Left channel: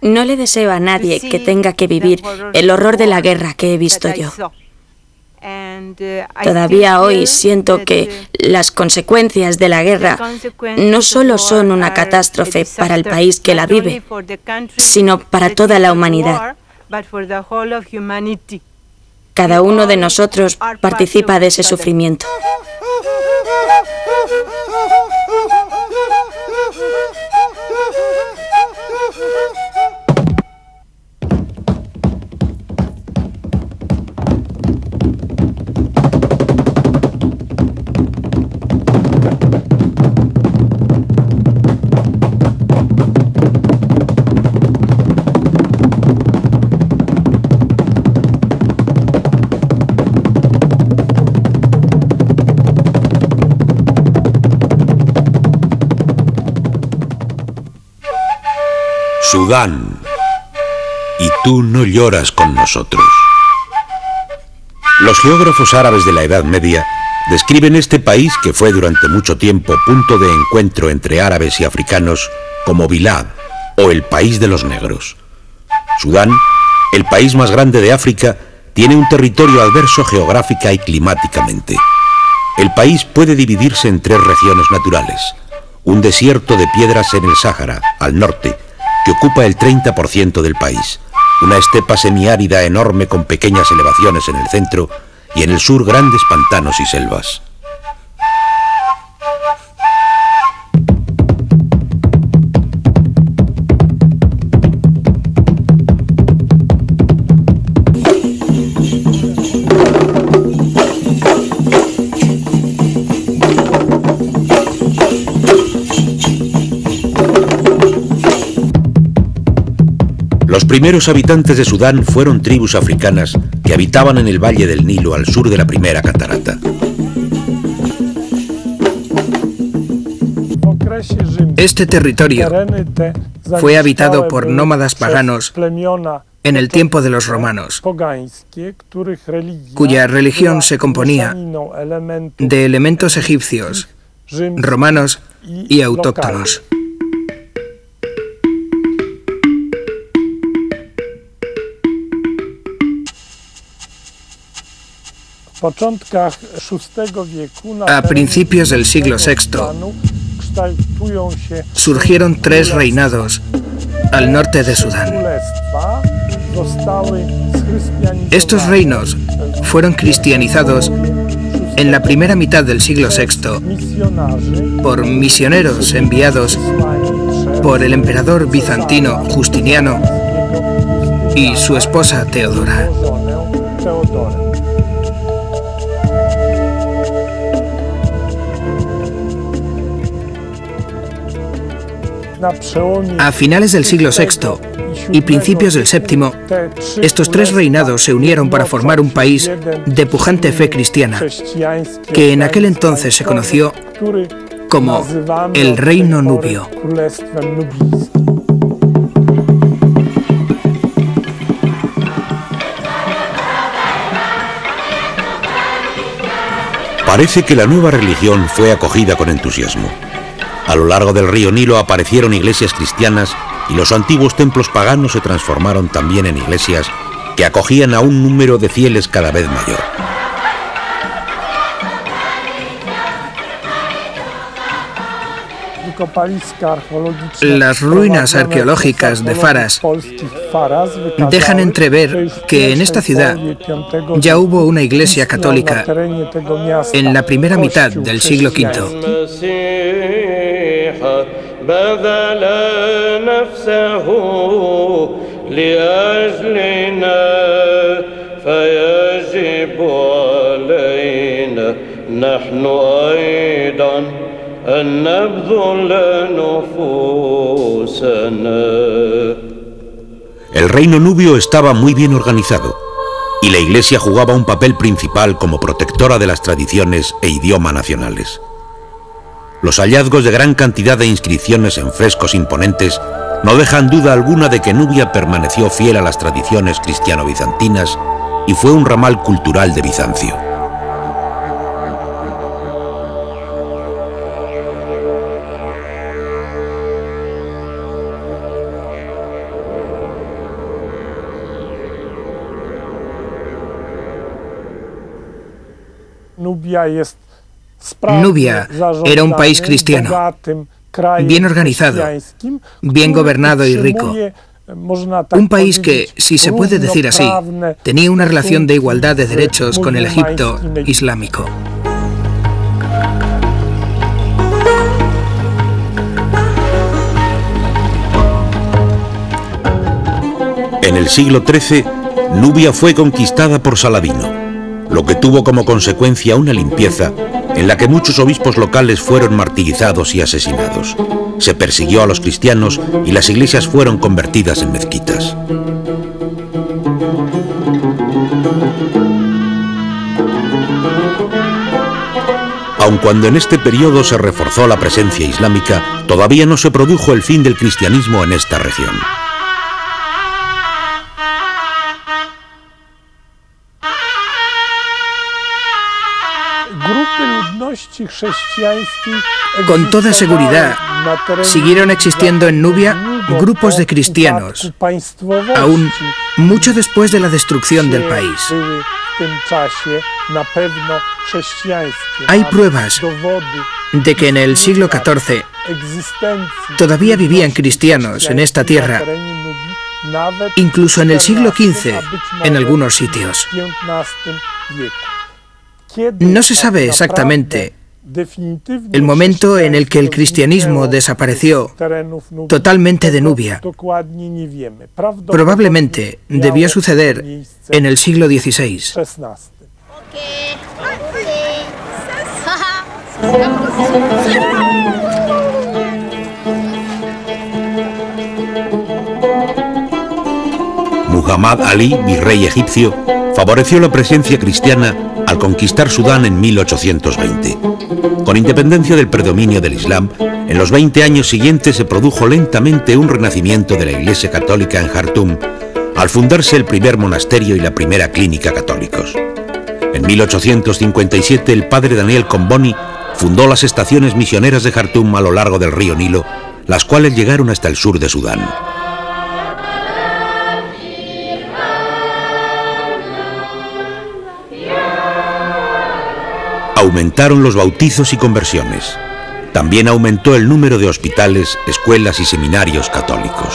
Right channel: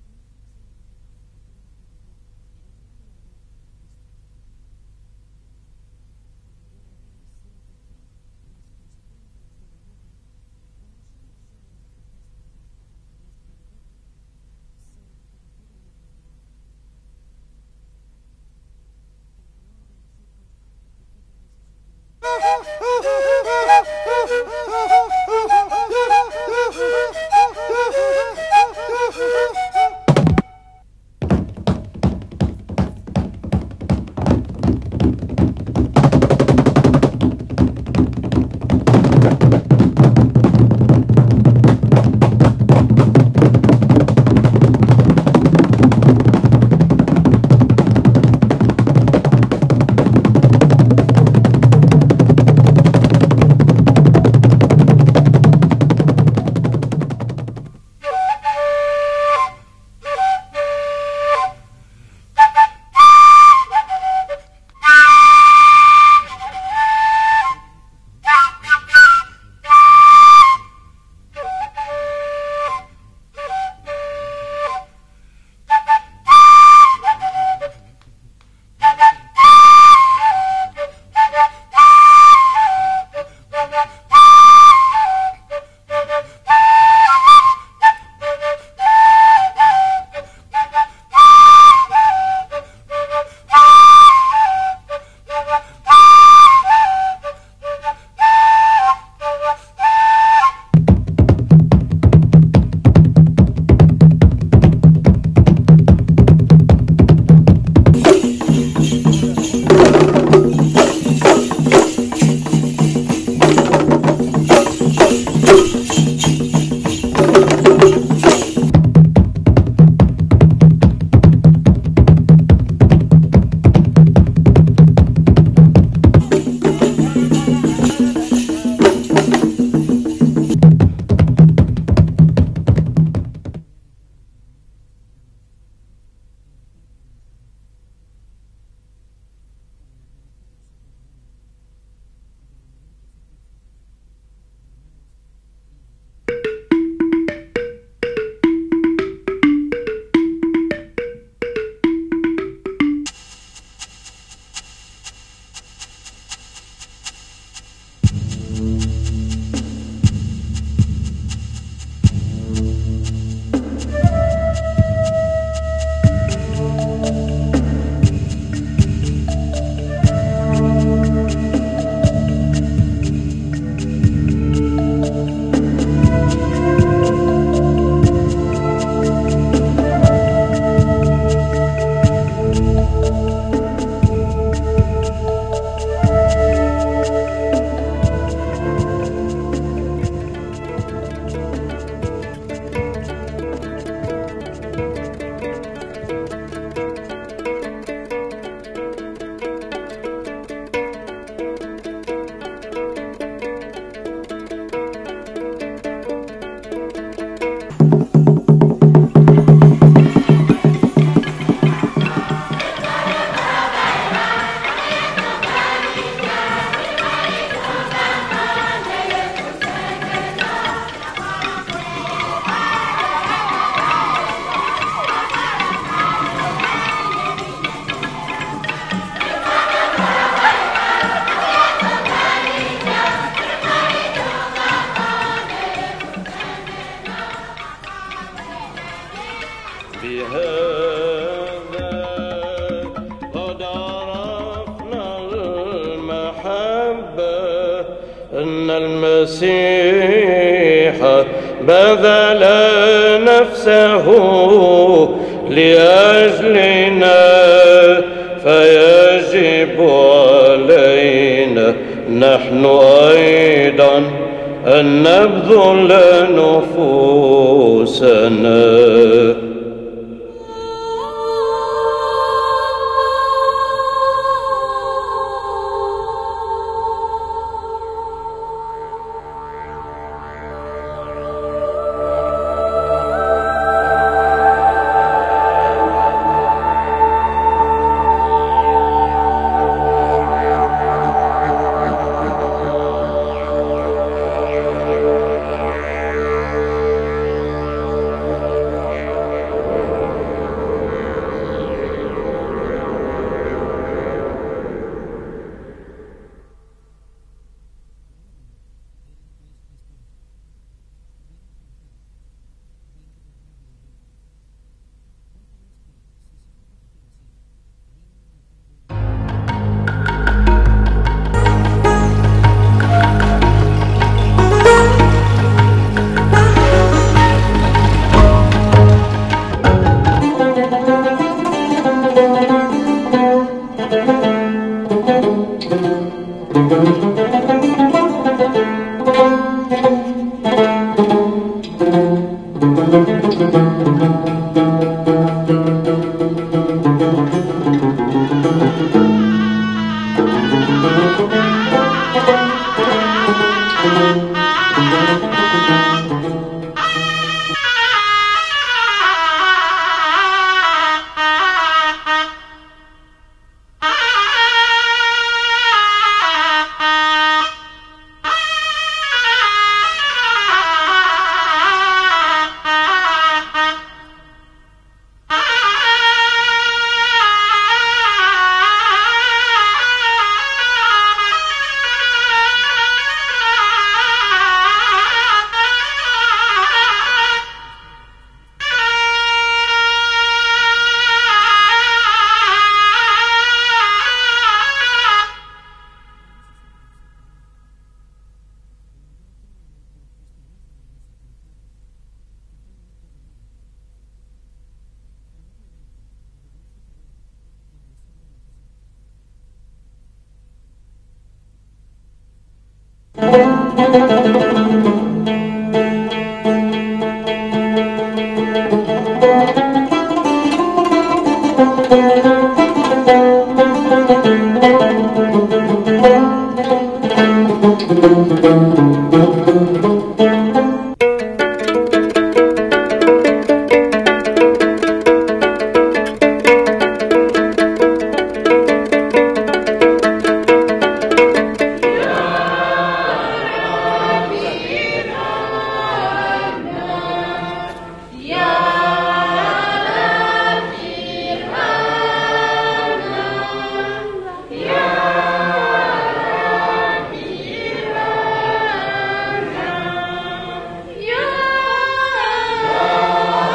No le deseo a nadie que tenga que vivir el horror de la guerra que he visto yo. Todavía hoy siento que las consecuencias de la guerra no solo son una catástrofe para el país que la vive, sino para toda la humanidad. Cada uno de nosotros participa de ese sufrimiento. Sudán, y tú no lloras con nosotros. Los geógrafos árabes de la Edad Media describen este país, que fue durante mucho tiempo punto de encuentro entre árabes y africanos, como Bilad, o el país de los negros. Sudán, el país más grande de África, tiene un territorio adverso geográfica y climáticamente. El país puede dividirse en tres regiones naturales: un desierto de piedras en el Sáhara, al norte, que ocupa el 30% del país, una estepa semiárida enorme con pequeñas elevaciones en el centro, y en el sur grandes pantanos y selvas. Los primeros habitantes de Sudán fueron tribus africanas que habitaban en el valle del Nilo al sur de la primera catarata. Este territorio fue habitado por nómadas paganos en el tiempo de los romanos, cuya religión se componía de elementos egipcios, romanos y autóctonos. A principios del siglo VI surgieron tres reinados al norte de Sudán. Estos reinos fueron cristianizados en la primera mitad del siglo VI por misioneros enviados por el emperador bizantino Justiniano y su esposa Teodora. A finales del siglo VI y principios del VII, estos tres reinados se unieron para formar un país de pujante fe cristiana, que en aquel entonces se conoció como el Reino Nubio. Parece que la nueva religión fue acogida con entusiasmo. A lo largo del río Nilo aparecieron iglesias cristianas y los antiguos templos paganos se transformaron también en iglesias que acogían a un número de fieles cada vez mayor. Las ruinas arqueológicas de Faras dejan entrever que en esta ciudad ya hubo una iglesia católica en la primera mitad del siglo V. بذل نفسه لأجلنا فيجب علينا نحن أيضا أن نبذل نفوسنا El reino nubio estaba muy bien organizado y la Iglesia jugaba un papel principal como protectora de las tradiciones e idioma nacionales. Los hallazgos de gran cantidad de inscripciones en frescos imponentes no dejan duda alguna de que Nubia permaneció fiel a las tradiciones cristiano-bizantinas y fue un ramal cultural de Bizancio. Nubia era un país cristiano, bien organizado, bien gobernado y rico. Un país que, si se puede decir así, tenía una relación de igualdad de derechos con el Egipto islámico. En el siglo XIII, Nubia fue conquistada por Saladino, lo que tuvo como consecuencia una limpieza en la que muchos obispos locales fueron martirizados y asesinados. Se persiguió a los cristianos y las iglesias fueron convertidas en mezquitas. Aun cuando en este periodo se reforzó la presencia islámica, todavía no se produjo el fin del cristianismo en esta región. Con toda seguridad, siguieron existiendo en Nubia grupos de cristianos, aún mucho después de la destrucción del país. Hay pruebas de que en el siglo XIV todavía vivían cristianos en esta tierra, incluso en el siglo XV en algunos sitios. No se sabe exactamente el momento en el que el cristianismo desapareció totalmente de Nubia. Probablemente debió suceder en el siglo XVI. Muhammad Ali, virrey egipcio, favoreció la presencia cristiana al conquistar Sudán en 1820. Con independencia del predominio del Islam, en los 20 años siguientes se produjo lentamente un renacimiento de la Iglesia Católica en Jartum, al fundarse el primer monasterio y la primera clínica católicos. En 1857 el padre Daniel Comboni fundó las estaciones misioneras de Jartum a lo largo del río Nilo, las cuales llegaron hasta el sur de Sudán. Aumentaron los bautizos y conversiones. También aumentó el número de hospitales, escuelas y seminarios católicos.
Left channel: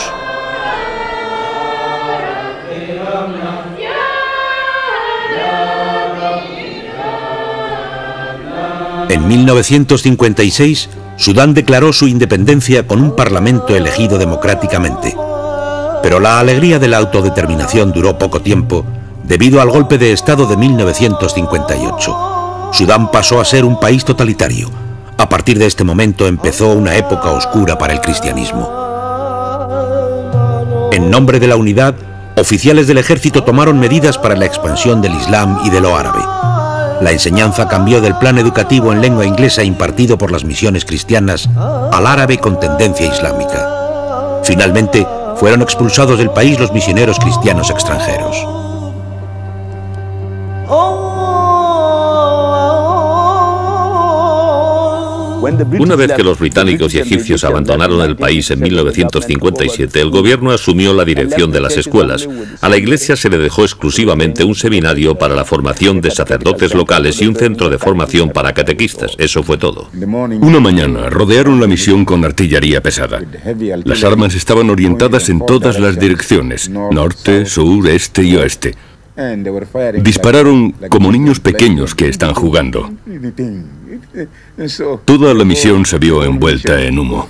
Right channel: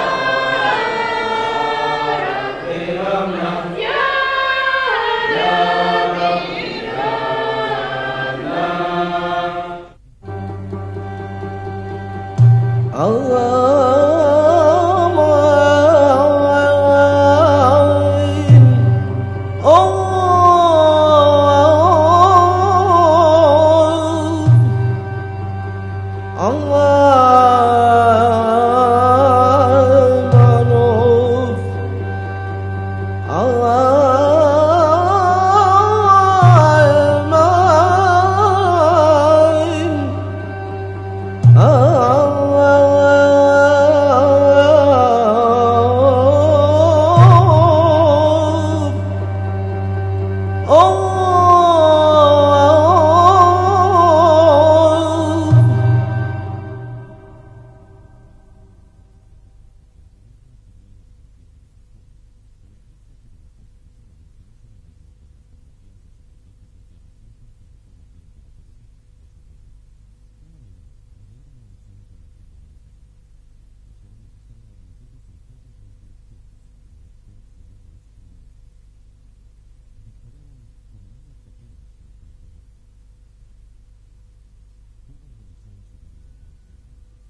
En 1956, Sudán declaró su independencia con un parlamento elegido democráticamente. Pero la alegría de la autodeterminación duró poco tiempo debido al golpe de Estado de 1958. Sudán pasó a ser un país totalitario. A partir de este momento empezó una época oscura para el cristianismo. En nombre de la unidad, oficiales del ejército tomaron medidas para la expansión del Islam y de lo árabe. La enseñanza cambió del plan educativo en lengua inglesa impartido por las misiones cristianas al árabe con tendencia islámica. Finalmente, fueron expulsados del país los misioneros cristianos extranjeros. Una vez que los británicos y egipcios abandonaron el país en 1957, el gobierno asumió la dirección de las escuelas. A la iglesia se le dejó exclusivamente un seminario para la formación de sacerdotes locales y un centro de formación para catequistas. Eso fue todo. Una mañana rodearon la misión con artillería pesada. Las armas estaban orientadas en todas las direcciones, norte, sur, este y oeste. Dispararon como niños pequeños que están jugando. Toda la misión se vio envuelta en humo.